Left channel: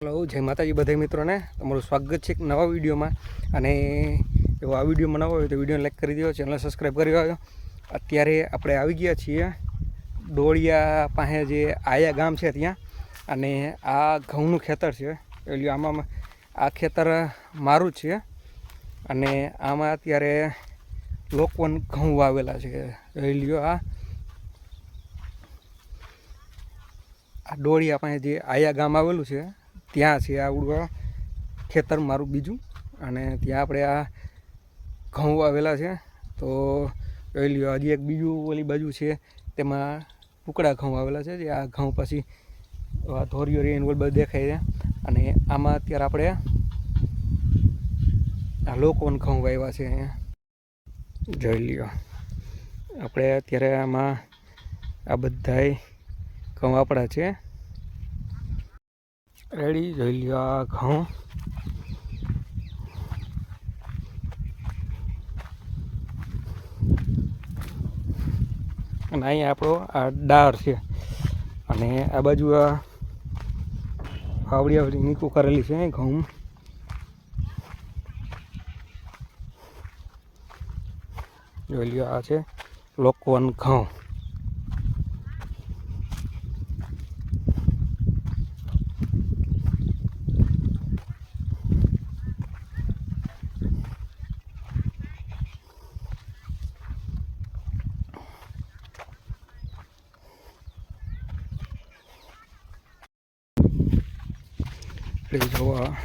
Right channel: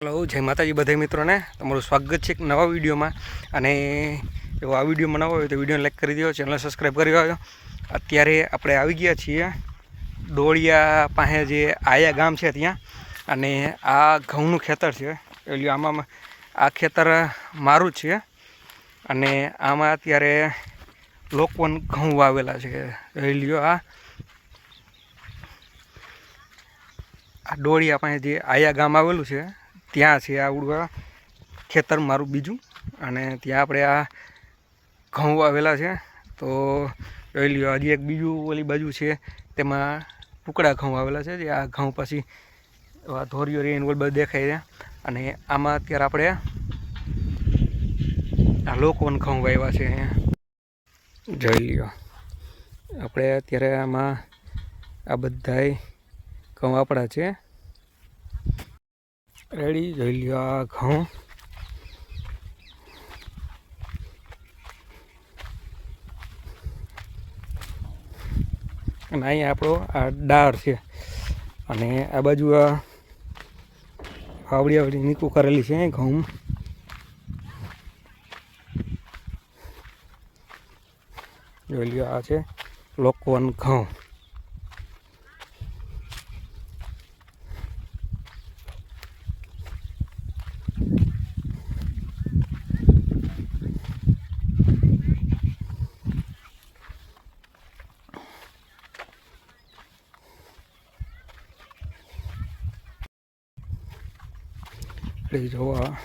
Hello, જય માતાજી બધા મિત્રોને. તમારું સ્વાગત છે એક નવા વિડીયોમાં. અને એવો આ વીડિયો નવો હોય તો વિડીયોને લાઈક કરી દો ચેનલ સબસ્ક્રાઈબ કરી દો અત્યારે આપણે આવી ગયા છીએ ડોળિયા પાસે જે આયા ગામ છે ત્યાં. અને આ ઘઉંનું ખેતર છે. એટલે આમાં આ ખેતર મારું જ છે. અને આમાં અત્યારે લોકોને ઘઉં વાવેલા છે. એ આ. આ ડોળિયા પાસે જે આયા ગામ આવેલું છે. ત્યાં છે આ ઉડવા ખેતર મારું બીજું. અને ત્યાં આપણે આ ઘઉં વાવેલા છે. તો જોઈ લ્યો, હજી એક બીજું ઓલી બાજુ છે, તેમાં ટુકડા ઘઉં આવેલા છે, જે આ ઘઉં પછી ધોરીઓ રહીને ઓલ બધું દેખાય છે. અને આમાં અત્યારે આપણે આ લોકોન ઘઉં વાવ્યા છે જોઈ લ્યો, આપણે અત્યારે આમાં આ બધાય ઘઉં આપણા છે. રેડી, જોઈ લ્યો આ ઘઉં. અને અહીં આપણો આ ડાળ છે. અને આ બાજુ આ આવડી આવડી નીકું કરેલી છે ઘઉં. જોઈ લ્યો આ છે લોકવન ઘઉં. એટલે જોવા